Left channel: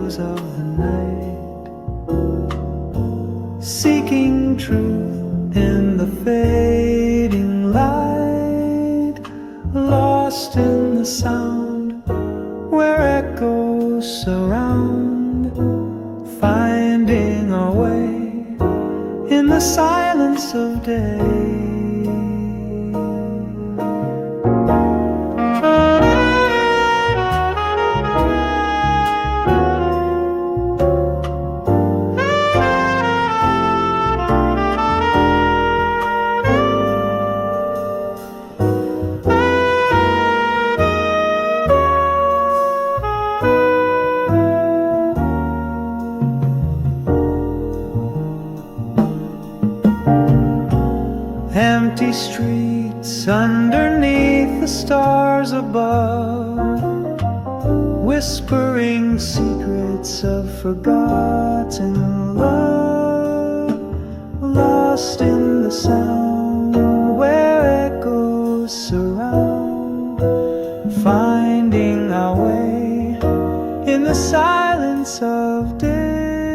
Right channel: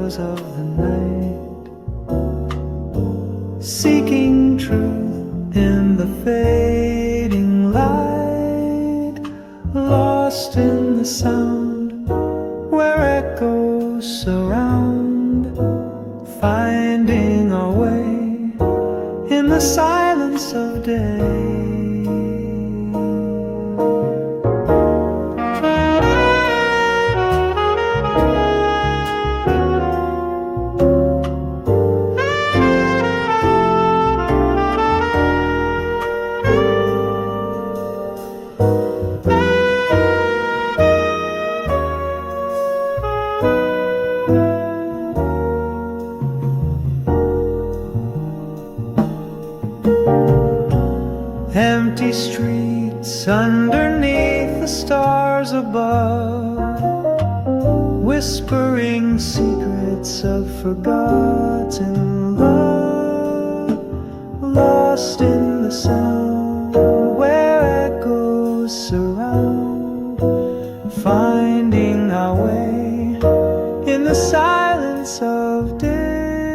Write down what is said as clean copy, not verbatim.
shadows of the night, seeking truth in the fading light, lost in the sound where echoes surround, finding our way in the silence of day. Empty streets underneath the stars above, whispering secrets of forgotten love, lost in the sound where echoes surround, finding our way in the silence of day.